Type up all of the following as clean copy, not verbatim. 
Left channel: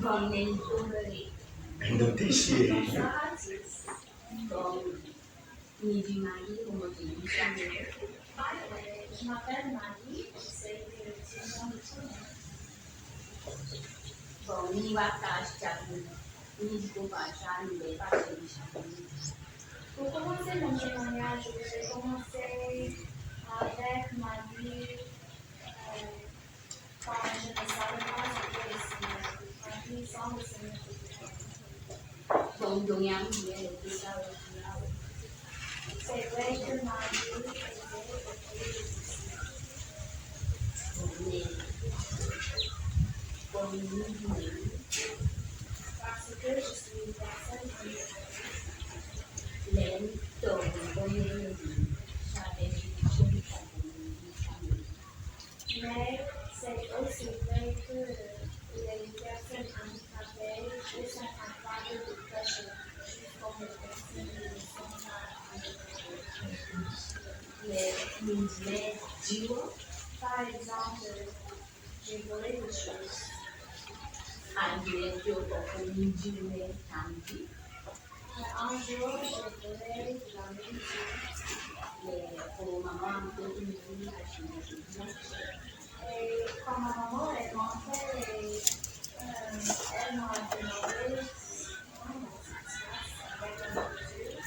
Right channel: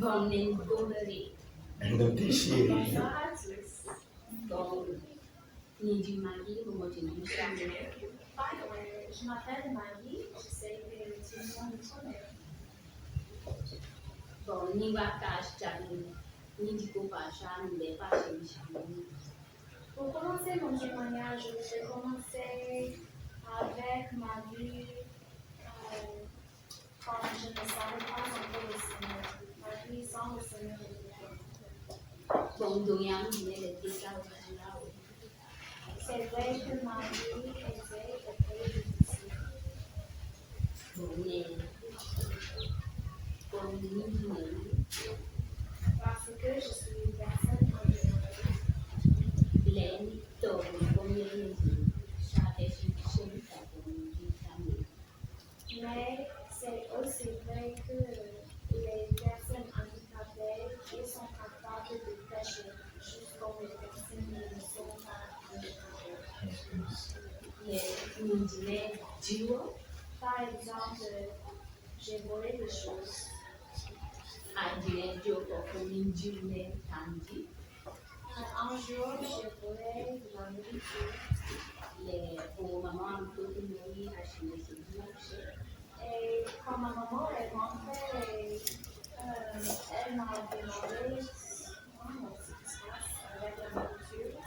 Vòng nền Bulgari. Indonesië. Bon, ni du mari, comment tu dis ça? Je m'appelle Marie, j'essaie de témoin de ton aide. Bon, ni Wakash Chabi, ni du Kopasha, ni les Pachi Chabi. Pour commencer mon témoignage, je vais commencer avec ma vie quand je ne savais pas encore le Seigneur. Ma vie sans le Seigneur. Bon, Doyang, il est le Tita Wakash. C'est vrai que ma vie était parce que je suis une personne mais c'est aussi vrai que les personnes handicapées ne sont capables de prêcher, juste comme les personnes qui ne sont pas handicapées. Par exemple, j'ai volé des choses. Un jour, j'ai volé de la nourriture. Et quand ma maman est rentrée, elle m'a demandé comment ça se passe avec la nourriture.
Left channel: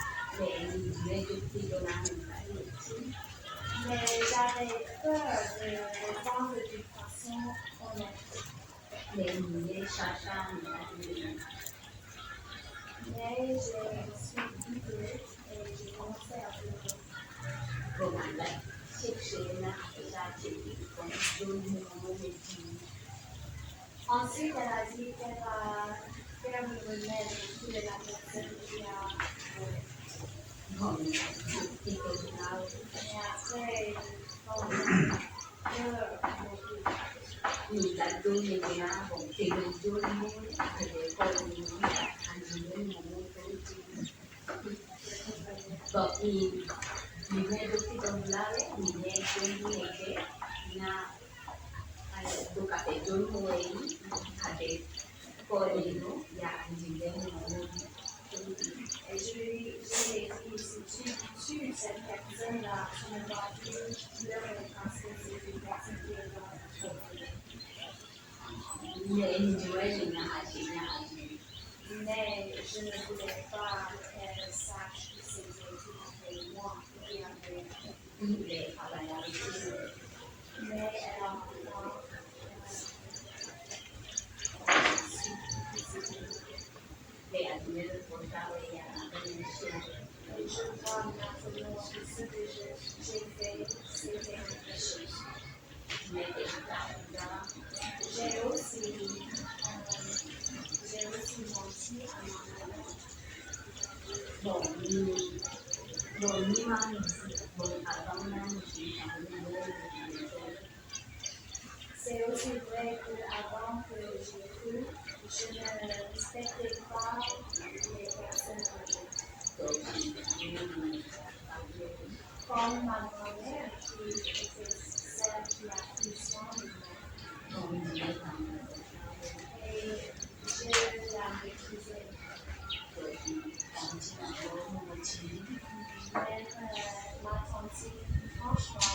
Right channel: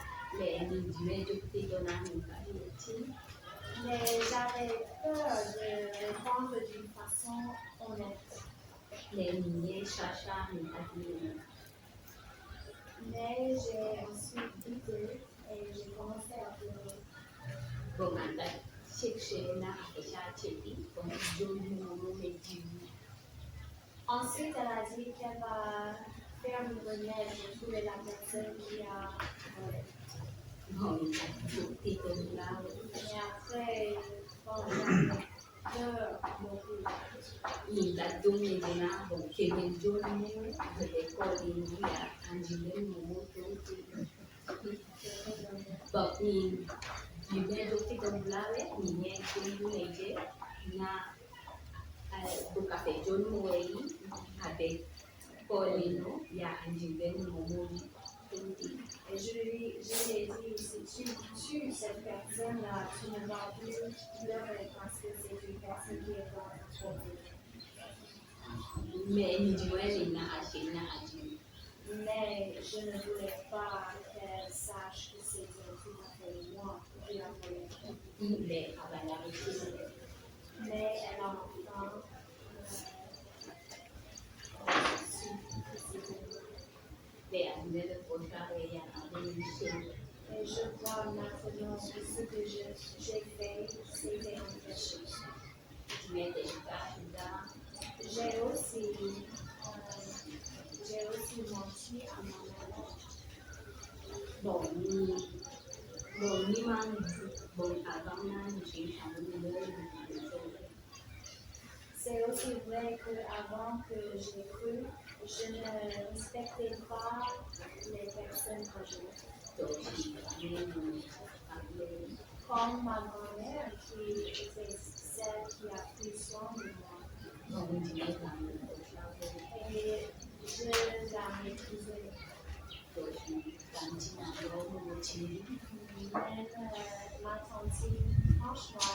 Mais j'avais peur de vendre d'une façon honnête. Mais j'ai suis désolée et j'ai commencé à pleurer. Ensuite, elle a dit qu'elle va faire le remède pour la personne qui a volé. Et après, quand et je lui ai dit, si tu tues cette personne-là, tu ne vas plus pleurer parce que c'est une personne qui est dans la trouble. Mais je ne voulais pas qu'elle sache que c'était tout à fait moi qui avais fait. Mais elle a maintenant je vois maintenant ce que j'ai fait, c'était un péché. J'ai aussi menti à ma mère. C'est aussi vrai qu'avant que j'ai cru, je ne respectais pas les personnes âgées. Comme ma grand-mère qui était celle qui a pris soin de moi. Et je la méprisais. Même ma tante, franchement,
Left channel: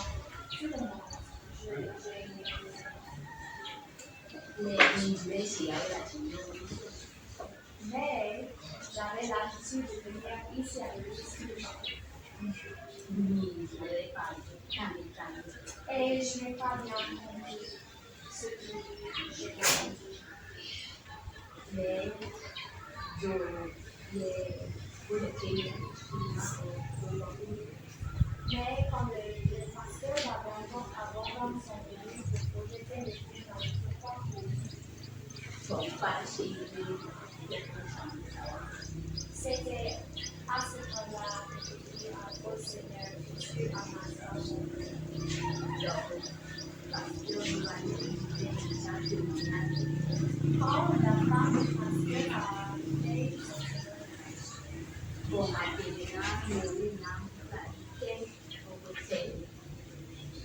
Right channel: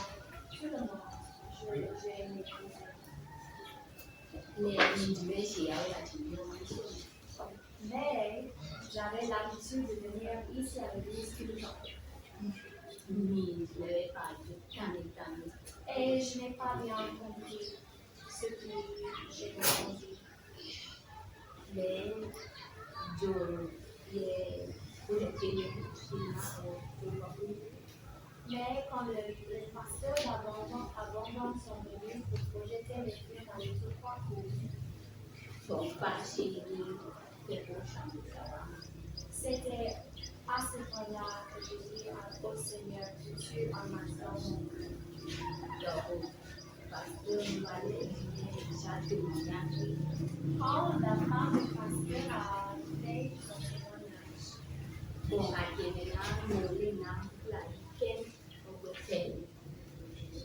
tout le monde, j'ai méprisé. Mais j'avais l'habitude de venir ici à l'église tous les jours. Et je n'ai pas bien compris ce que j'ai entendu. Mais quand le pasteur abandonne son église pour projeter les films dans les trois c'était à ce temps-là que j'ai dit au Seigneur que tu as ma soeur. Quand la femme du pasteur a fait son témoignage,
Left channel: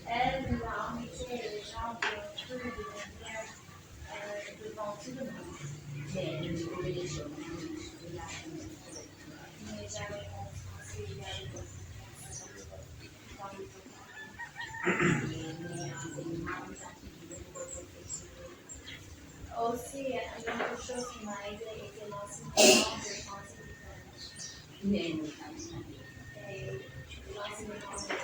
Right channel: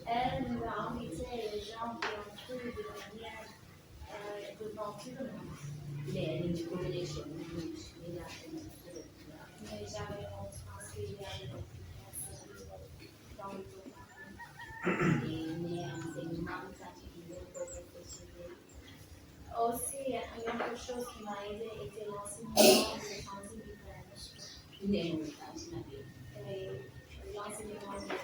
elle nous a invité les gens qui ont cru de venir devant tout le monde. Mais j'avais honte parce qu'il y avait dans le aussi, une autre chose qui m'a aidé était l'enseignement de français différent. Et l'enseignement de français.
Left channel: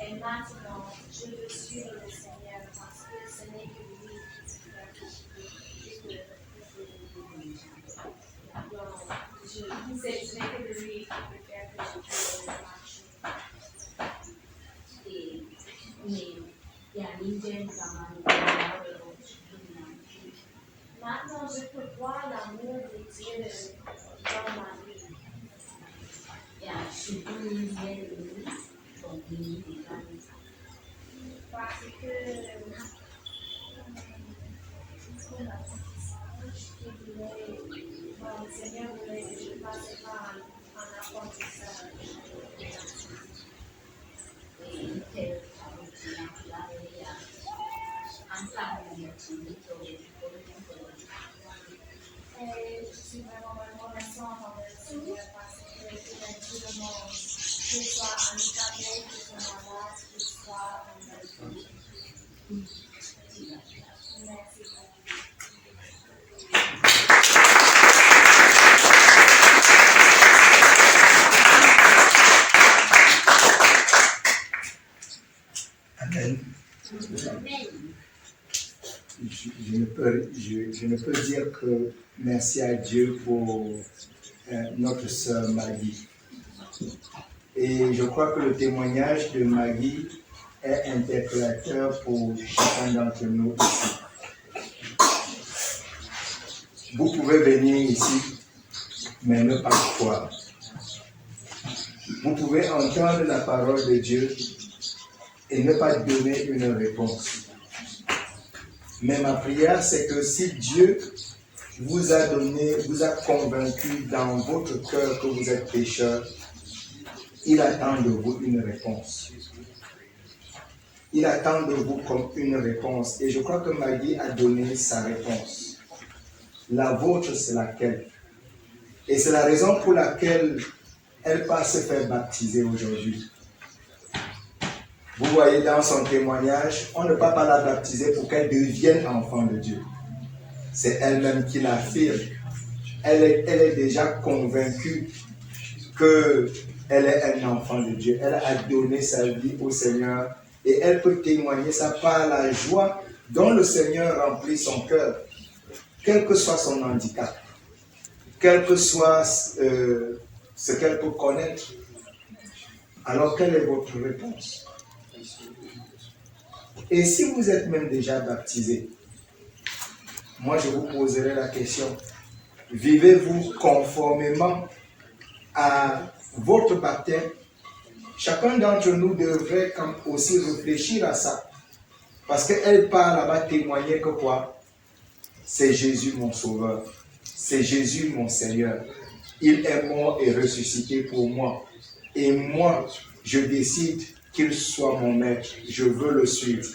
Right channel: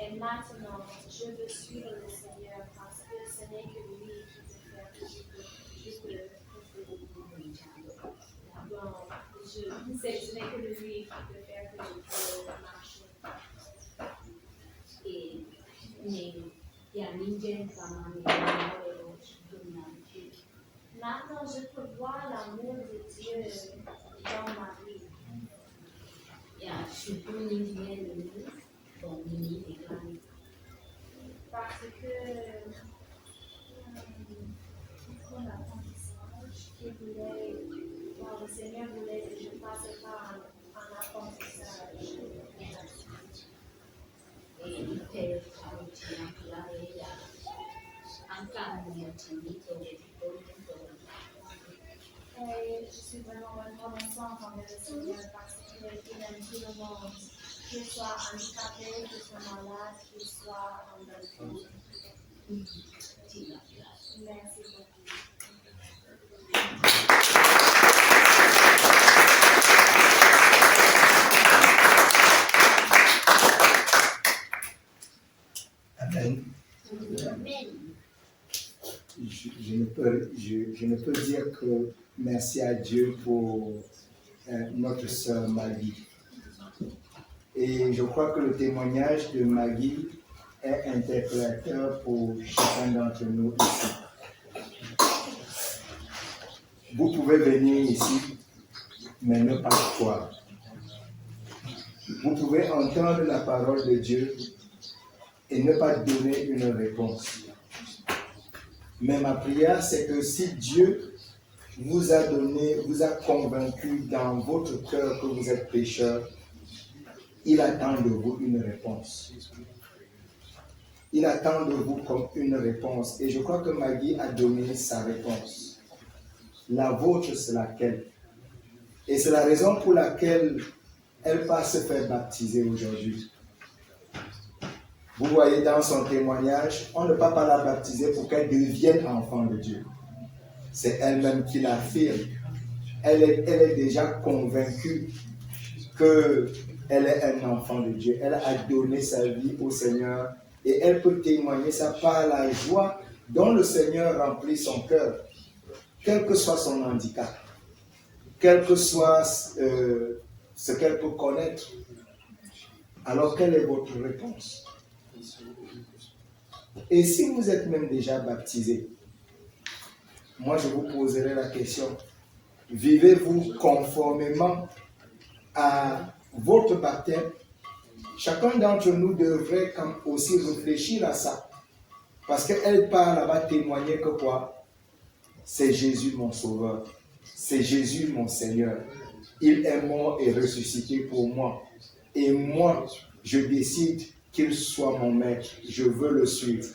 Et maintenant, je veux suivre le Seigneur parce que ce n'est que lui qui peut faire que je peux. Ce n'est que lui qui peut faire que je peux marcher. Maintenant, je peux voir l'amour de Dieu dans ma vie. Parce que le Seigneur voulait que je passe par un apprentissage. Et je suis vraiment reconnaissante envers le Seigneur parce qu'il aime tout le monde, qu'il soit handicapé, qu'il soit malade, qu'il soit en bonne santé. Merci beaucoup. Amen. Je ne peux dire que merci à Dieu pour notre sœur Maggie. Et je crois que le témoignage de Maggie est interpellateur pour chacun d'entre nous ici. Vous pouvez venir ici, mais ne pas croire. Vous pouvez entendre la parole de Dieu et ne pas donner une réponse. Mais ma prière, c'est que si Dieu vous a donné, vous a convaincu dans votre cœur que vous êtes pécheur, il attend de vous une réponse. Il attend de vous comme une réponse. Et je crois que Maggie a donné sa réponse. La vôtre, c'est laquelle? Et c'est la raison pour laquelle elle va se faire baptiser aujourd'hui. Vous voyez dans son témoignage, on ne peut pas la baptiser pour qu'elle devienne enfant de Dieu. C'est elle-même qui l'affirme. Elle est déjà convaincue qu'elle est un enfant de Dieu. Elle a donné sa vie au Seigneur et elle peut témoigner ça par la joie dont le Seigneur remplit son cœur, quel que soit son handicap, quel que soit ce qu'elle peut connaître. Alors, quelle est votre réponse? Et si vous êtes même déjà baptisé, moi je vous poserai la question, vivez-vous conformément à votre baptême? Chacun d'entre nous devrait aussi réfléchir à ça. Parce qu'elle part là-bas témoigner que quoi? C'est Jésus mon sauveur, c'est Jésus mon Seigneur. Il est mort et ressuscité pour moi. Et moi, je décide qu'il soit mon maître. Je veux le suivre.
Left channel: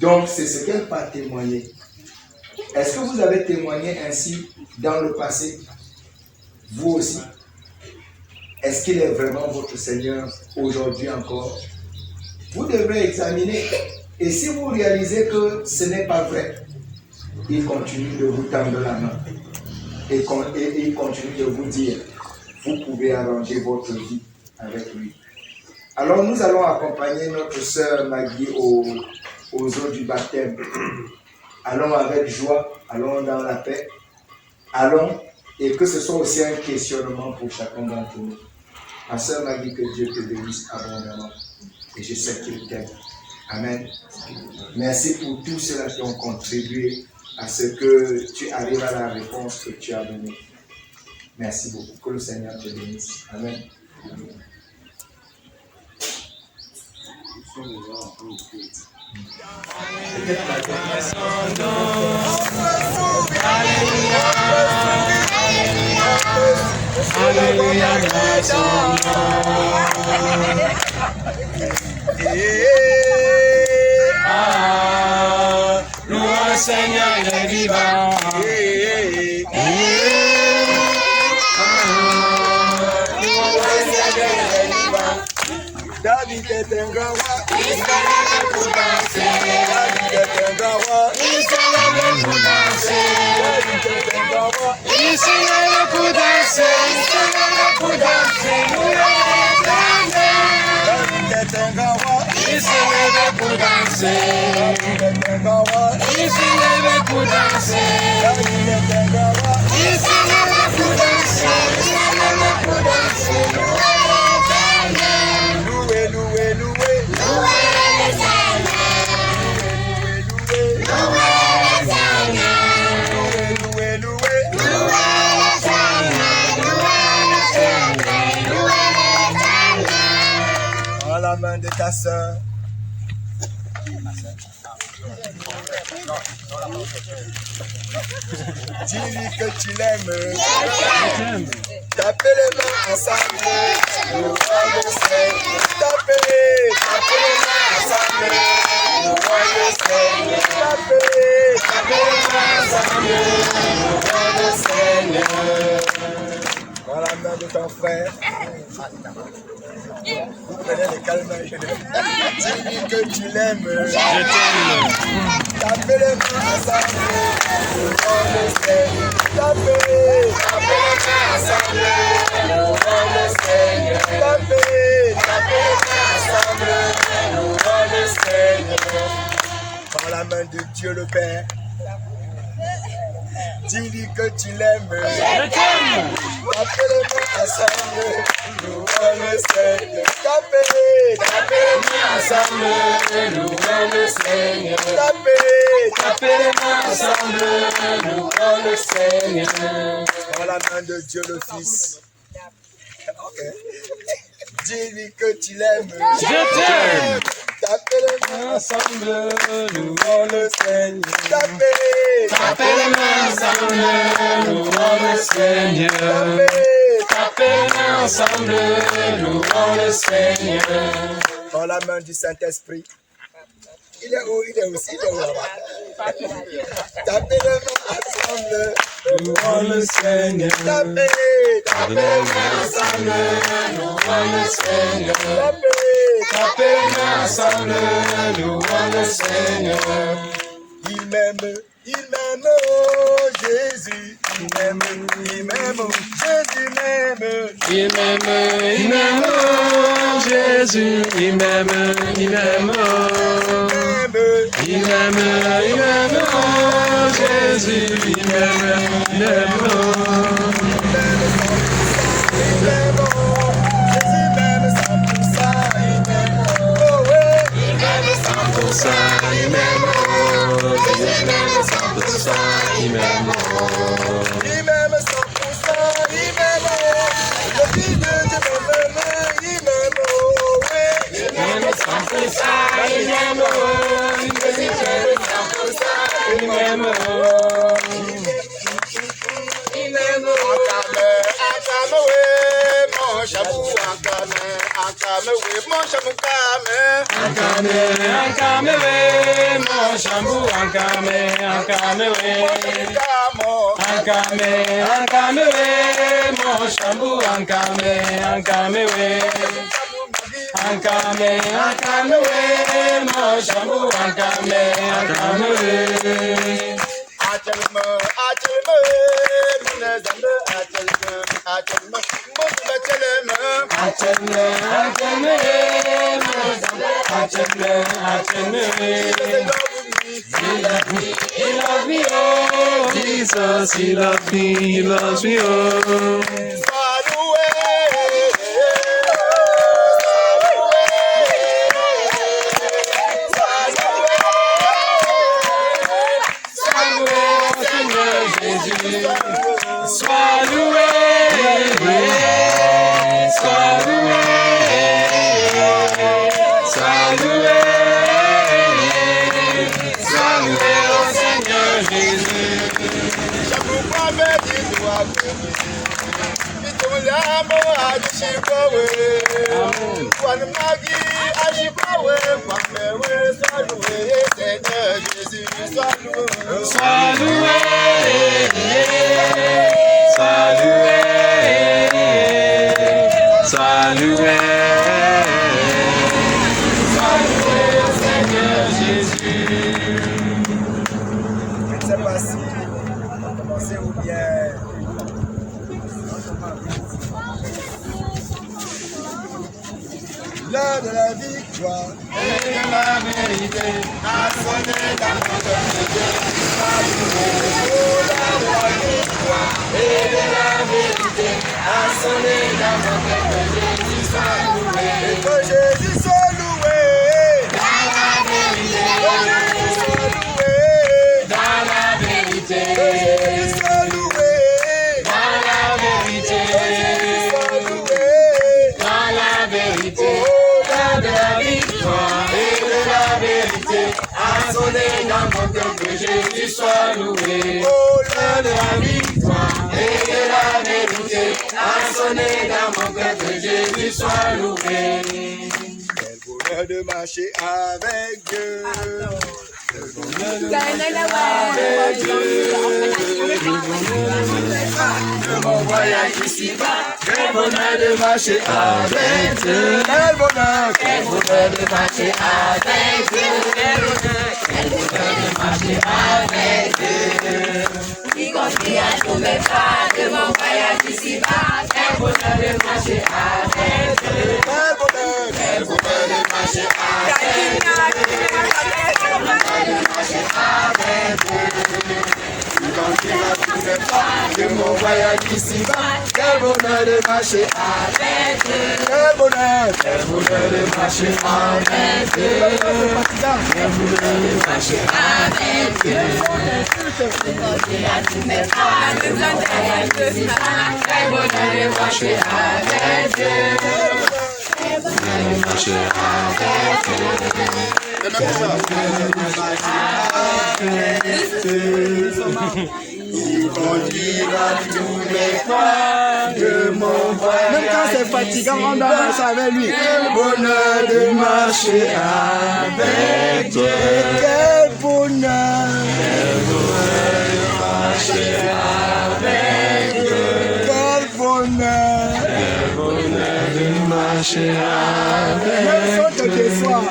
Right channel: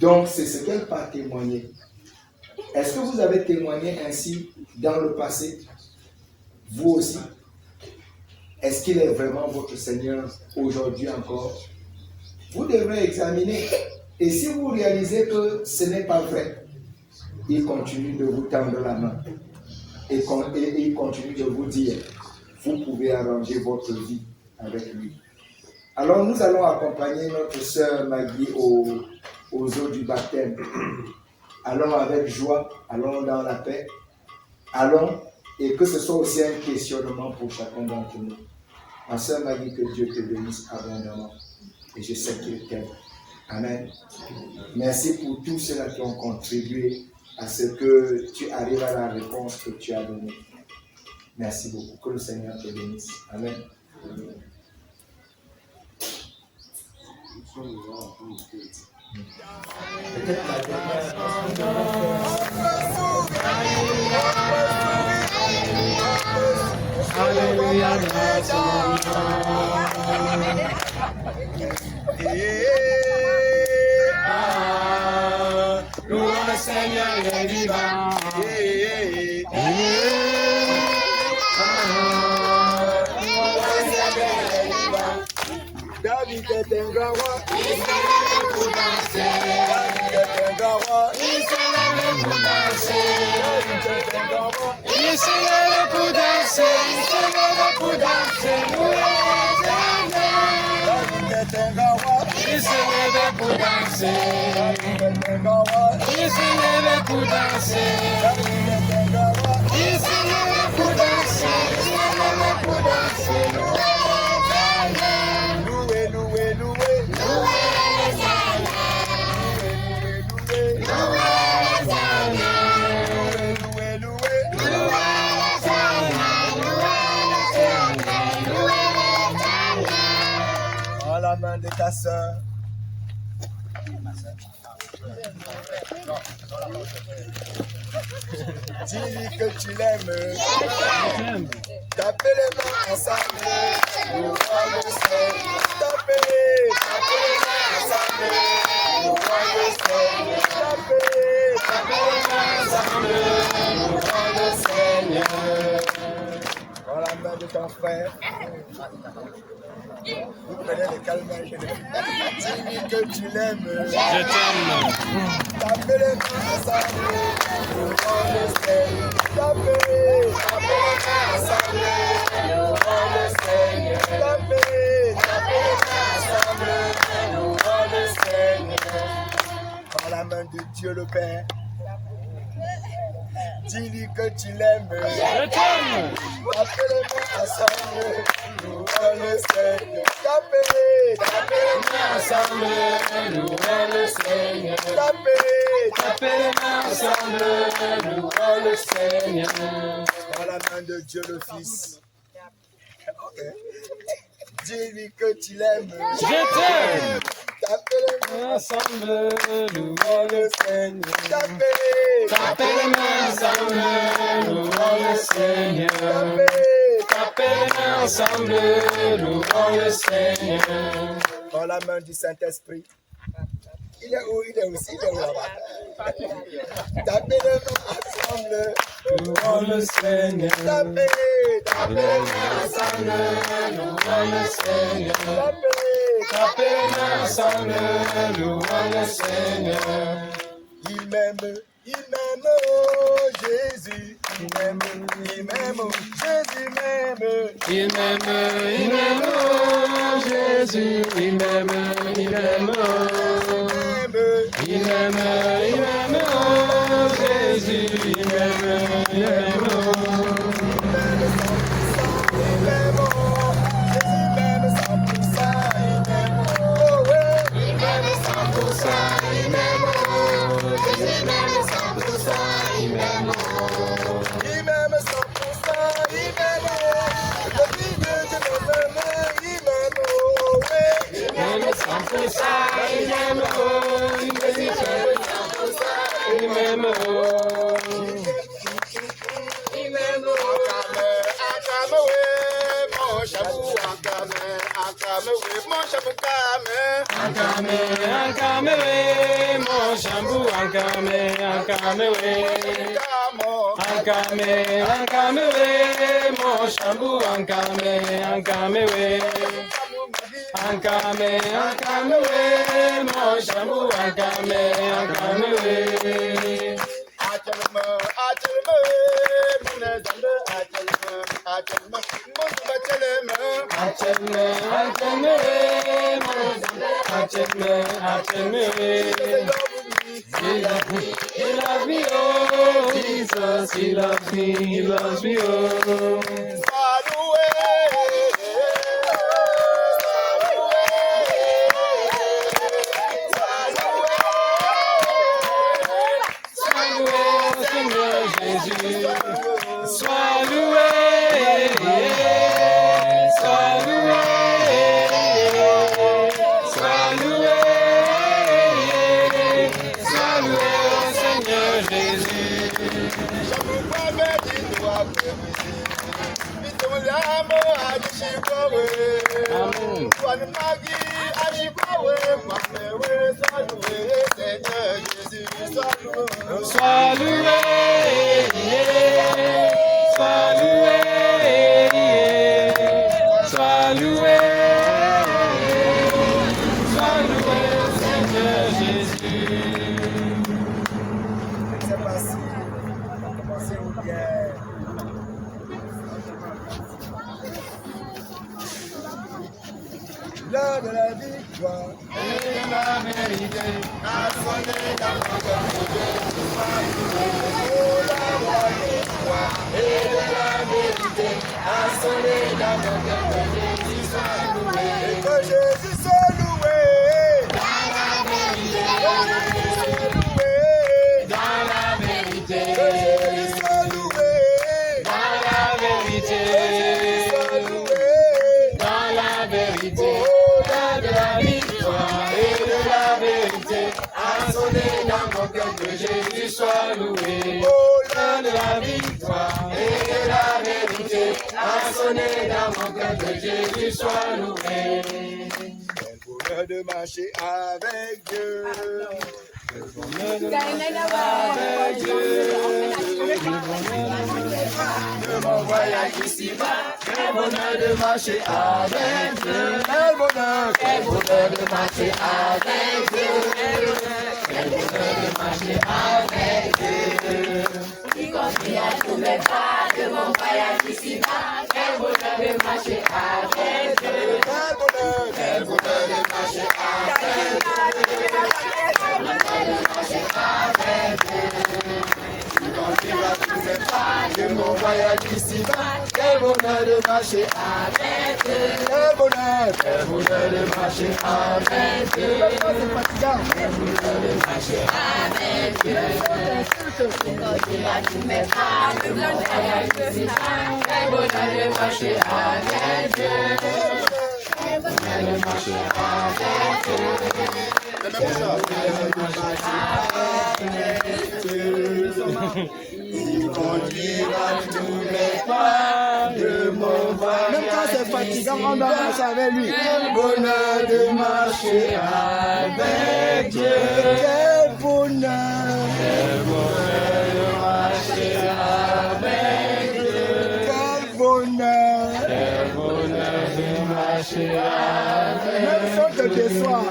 Donc, c'est ce qu'elle va témoigner. Est-ce que vous avez témoigné ainsi dans le passé? Vous aussi? Est-ce qu'il est vraiment votre Seigneur aujourd'hui encore? Vous devrez examiner. Et si vous réalisez que ce n'est pas vrai, il continue de vous tendre la main. Et il continue de vous dire, vous pouvez arranger votre vie avec lui. Alors nous allons accompagner notre sœur Maggie aux eaux du baptême. Allons avec joie, allons dans la paix, allons, et que ce soit aussi un questionnement pour chacun d'entre nous. Ma sœur Maggie, que Dieu te bénisse abondamment. Et je sais qu'il t'aime. Amen. Merci pour tous ceux qui ont contribué à ce que tu arrives à la réponse que tu as donnée. Merci beaucoup. Que le Seigneur te bénisse. Amen. Alléluia, Louange Seigneur, il est vivant. David est un grand roi. Il se lève pour danser. David est un grand roi. Il se lève pour danser. David est un grand roi. Il se lève pour danser. Il se lève pour danser. David est un grand roi. Il se lève pour danser. David est un grand roi. Il se lève pour danser. David est un grand roi. Il se lève pour danser. Il se lève pour danser. Loué, loué, loué. Loué le Seigneur. Loué le Seigneur. Loué, loué, loué. Loué le Seigneur. Loué le Seigneur. Loué le Seigneur. Prends la main de ta sœur. Dis-lui que tu l'aimes. Tapez les mains ensemble. Louons le Seigneur. Tapez les mains ensemble. Louons le Seigneur. Tapez les mains ensemble. Louons le Seigneur. Prends la main de ton frère. Vous prenez les calmes. Dis-lui que tu l'aimes. Je t'aime. Tapez les mains ensemble. Louons le Seigneur. Tapez les mains ensemble. Louons le Seigneur. Tapez les mains ensemble. Louons le Seigneur. Prends la main de Dieu le Père. Dis-lui que tu l'aimes. Je t'aime. Tapez les mains ensemble. Louons le Seigneur. Tapez les mains ensemble. Louons le Seigneur. Tapez les mains ensemble. Louons le Seigneur. Prends la main de Dieu le Fils. Ok. Dis-lui que tu l'aimes. Je t'aime. Tapez les mains ensemble. Louons le Seigneur. Tapez les mains ensemble. Louons le Seigneur. Tapez les mains ensemble. Louons le Seigneur. Prends la main du Saint-Esprit. Il est où? Il est aussi, il est où là-bas? Tapez les mains ensemble. Louons le Seigneur. Tapez les mains ensemble. Louons le Seigneur. Tapez les mains ensemble. Louons le Seigneur. Il m'aime, oh Jésus. Il m'aime, oh Jésus m'aime. Il m'aime, oh Jésus. Il m'aime, oh. Il m'aime, oh Jésus. Il m'aime, oh. Jesus, he loves me, he loves me, oh. Sois loué, sois loué, sois loué. Seigneur Jésus. Je ne sais pas si on va commencer ou bien. L'heure de la victoire Et de la vérité a sonné dans notre Jésus soit loué. dans la vérité, Jésus soit loué. dans la vérité, dans la vérité, l'heure de la victoire et de la vérité a sonné dans mon cœur, que Jésus soit loué. L'heure de la victoire et de la vérité a sonné dans mon cœur, que Jésus soit loué. Quel bonheur de marcher avec Dieu. Quel bonheur de Voyage ici-bas, quel bonheur de marcher avec Dieu. quel bonheur. Quel bonheur de marcher avec Dieu. Quel bonheur de marcher avec Dieu. Y compris à tous mes pas de mon voyage ici-bas. Quel bonheur de marcher avec Dieu. Quel bonheur. Quel bonheur de marcher avec Dieu. De mon voyage ici-bas, quel bonheur de marcher avec Dieu. Quel bonheur. Quel bonheur de marcher avec Dieu. Quel bonheur de marcher avec Dieu. Quel bonheur de marcher avec Dieu. Quel bonheur de marcher avec Dieu. Il conduira tous les pas de mon voyage. Même quand c'est fatigant, on doit marcher avec lui. Quel bonheur de marcher avec Dieu. Quel bonheur. Quel bonheur de marcher avec Dieu. Quel bonheur. Quel bonheur de marcher avec Sans que tu sois.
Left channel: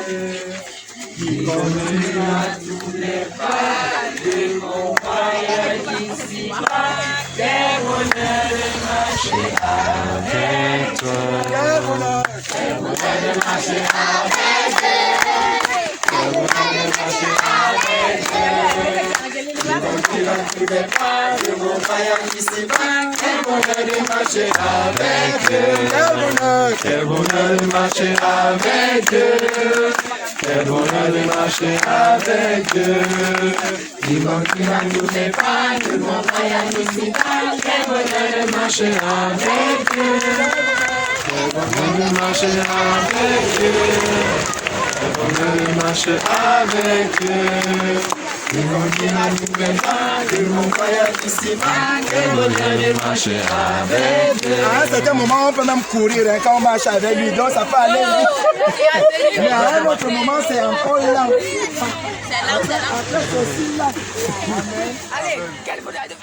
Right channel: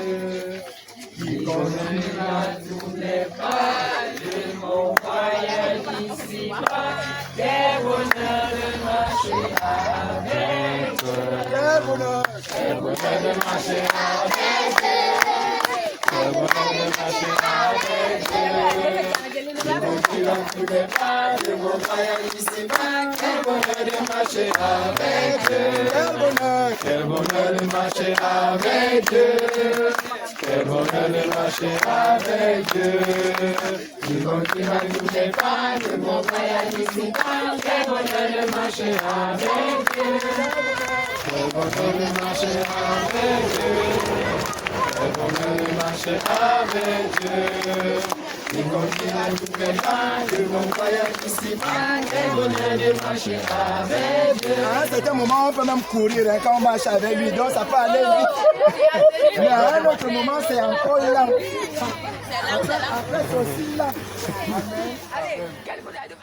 Il conduira tous les pas de mon voyage ici-bas. Quel bonheur de marcher avec toi. Quel bonheur. Quel bonheur de marcher avec Dieu. Quel bonheur de marcher avec Dieu. Il conduira tous les pas de mon voyage ici-bas. Quel bonheur de marcher avec Dieu. Quel bonheur. Quel bonheur de marcher avec Dieu. Quel bonheur de marcher avec Dieu. Il manquera tous les pas de mon voyage ici-bas. Quel bonheur de marcher avec Dieu. Quel bonheur de marcher avec Dieu. Quel bonheur de marcher avec Dieu. Il manquera tous les pas de mon voyage ici-bas. Quel bonheur de marcher avec Dieu. À un certain moment, on peut même courir hein, quand on marche avec lui. Donc ça peut aller vite. Mais à un autre moment, c'est encore là. Après, c'est aussi là. Allez, quel bonheur de...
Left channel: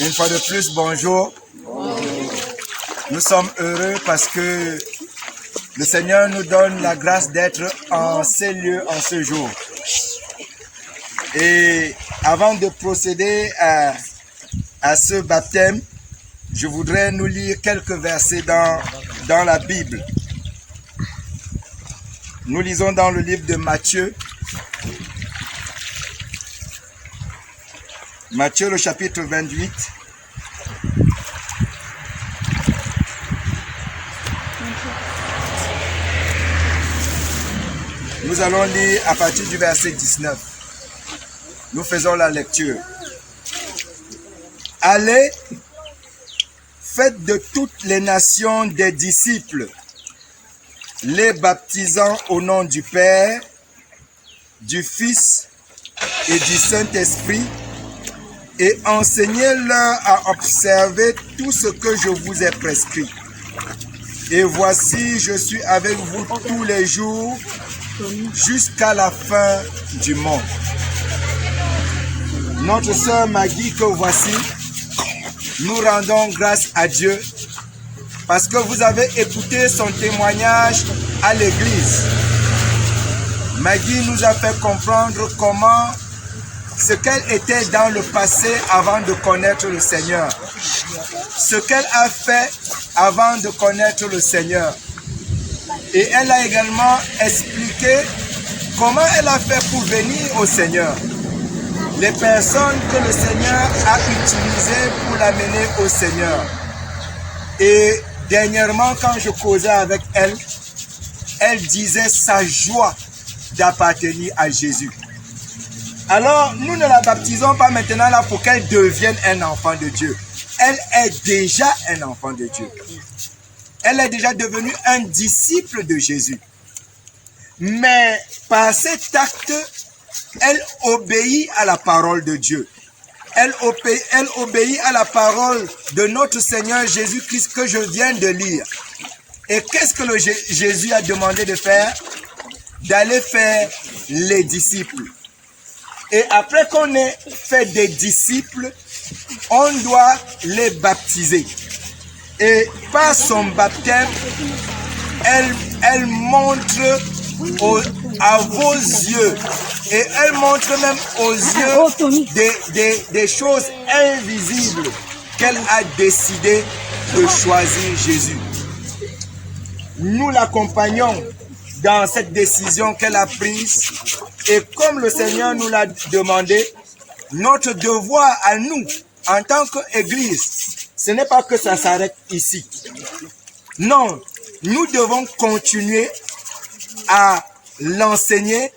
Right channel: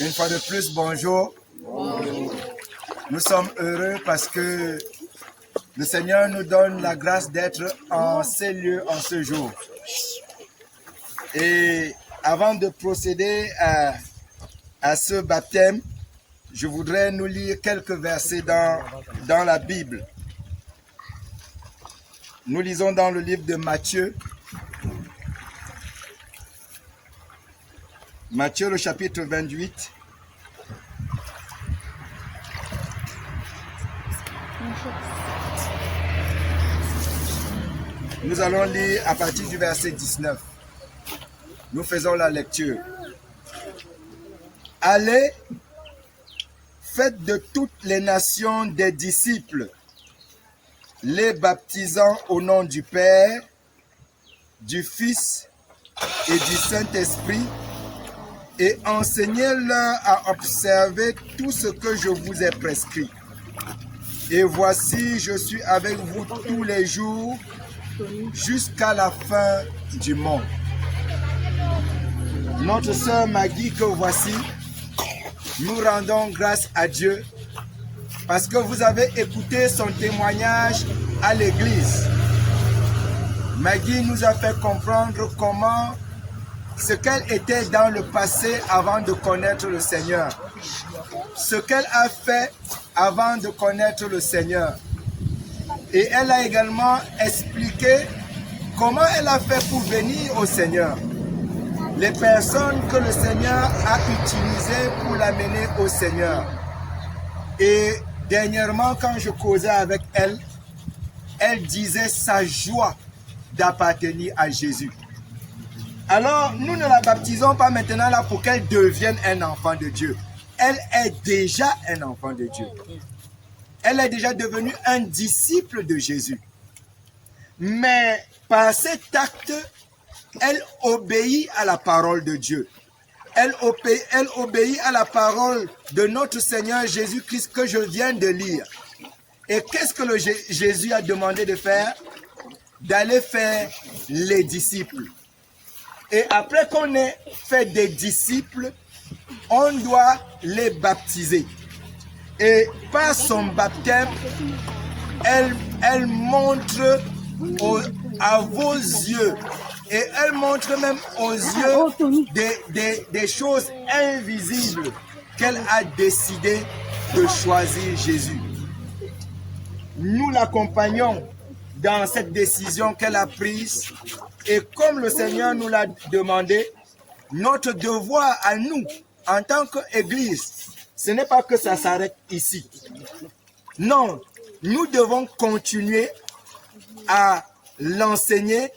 Une fois de plus, bonjour. Nous sommes heureux parce que le Seigneur nous donne la grâce d'être en ces lieux, en ce jour. Et avant de procéder à ce baptême, je voudrais nous lire quelques versets dans la Bible. Nous lisons dans le livre de Matthieu. Matthieu, le chapitre 28. Nous allons lire à partir du verset 19. Nous faisons la lecture. Allez, faites de toutes les nations des disciples, les baptisant au nom du Père, du Fils et du Saint-Esprit, et enseignez-leur à observer tout ce que je vous ai prescrit. Et voici, je suis avec vous tous les jours jusqu'à la fin du monde. Notre sœur Maggie que voici, nous rendons grâce à Dieu parce que vous avez écouté son témoignage à l'église. Maggie nous a fait comprendre comment ce qu'elle était dans le passé avant de connaître le Seigneur. Ce qu'elle a fait avant de connaître le Seigneur. Et elle a également expliqué comment elle a fait pour venir au Seigneur. Les personnes que le Seigneur a utilisées pour l'amener au Seigneur. Et dernièrement, quand je causais avec elle, elle disait sa joie d'appartenir à Jésus. Alors, nous ne la baptisons pas maintenant là pour qu'elle devienne un enfant de Dieu. Elle est déjà un enfant de Dieu. Elle est déjà devenue un disciple de Jésus. Mais par cet acte, elle obéit à la parole de Dieu. Elle obéit à la parole de notre Seigneur Jésus-Christ que je viens de lire. Et qu'est-ce que Jésus a demandé de faire? D'aller faire les disciples. Et après qu'on ait fait des disciples, on doit les baptiser. Et par son baptême, elle montre à vos yeux, et elle montre même aux yeux des choses invisibles qu'elle a décidé de choisir Jésus. Nous l'accompagnons dans cette décision qu'elle a prise, et comme le Seigneur nous l'a demandé, notre devoir à nous, en tant qu'Église, ce n'est pas que ça s'arrête ici. Non, nous devons continuer à l'enseigner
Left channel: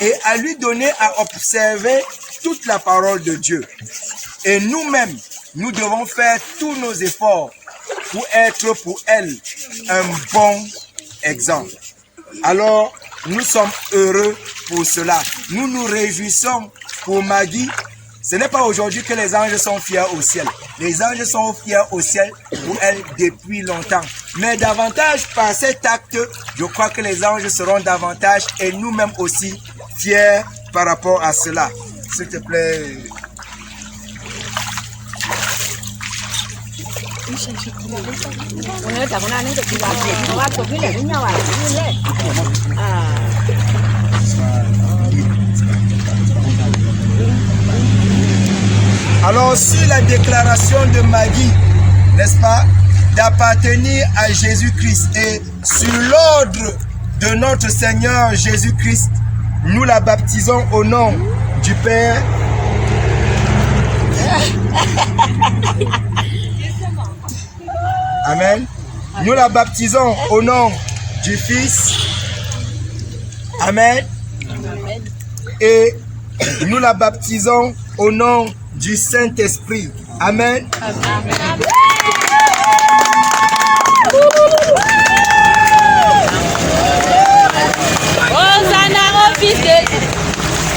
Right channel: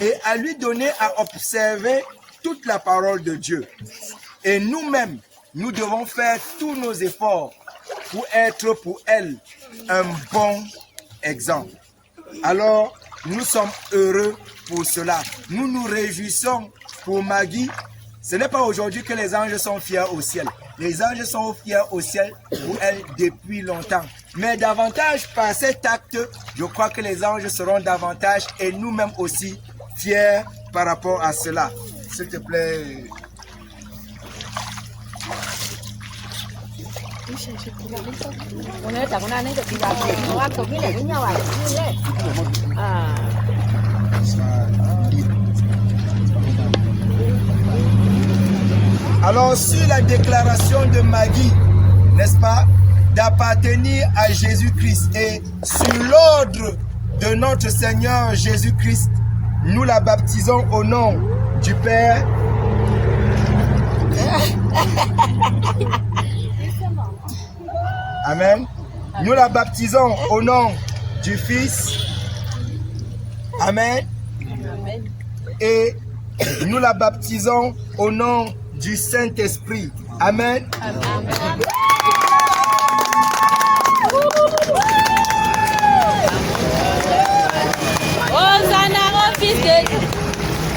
et à lui donner à observer toute la parole de Dieu. Et nous-mêmes, nous devons faire tous nos efforts pour être pour elle un bon exemple. Alors, nous sommes heureux pour cela. Nous nous réjouissons pour Maggie. Ce n'est pas aujourd'hui que les anges sont fiers au ciel. Les anges sont fiers au ciel pour elle depuis longtemps. Mais davantage par cet acte, je crois que les anges seront davantage et nous-mêmes aussi fiers par rapport à cela. S'il te plaît. Alors, si la déclaration de Maggie, n'est-ce pas, d'appartenir à Jésus-Christ et sur l'ordre de notre Seigneur Jésus-Christ, nous la baptisons au nom du Père. Amen. Nous la baptisons au nom du Fils. Amen. Et nous la baptisons au nom du Saint-Esprit. Amen. Amen. Hosanna au Fils de Dieu.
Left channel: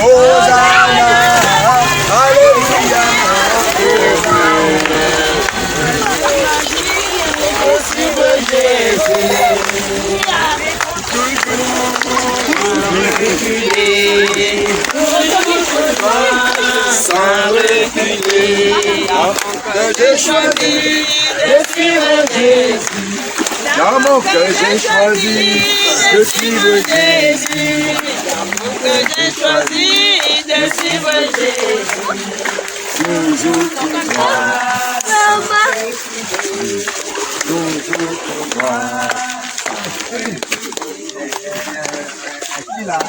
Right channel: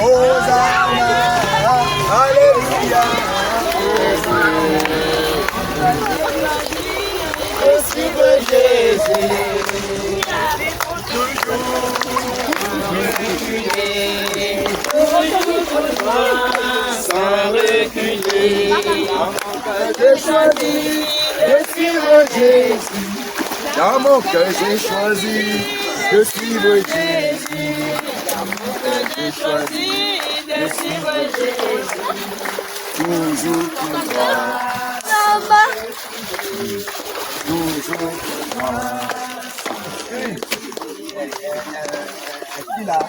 Hosanna. Alléluia. Sans reculer, que j'ai choisi de suivre Jésus. Dans mon cœur j'ai choisi de suivre Jésus. Dans mon cœur j'ai choisi de suivre Jésus. Toujours pour toi, sans reculer, toujours pour toi. Qui là?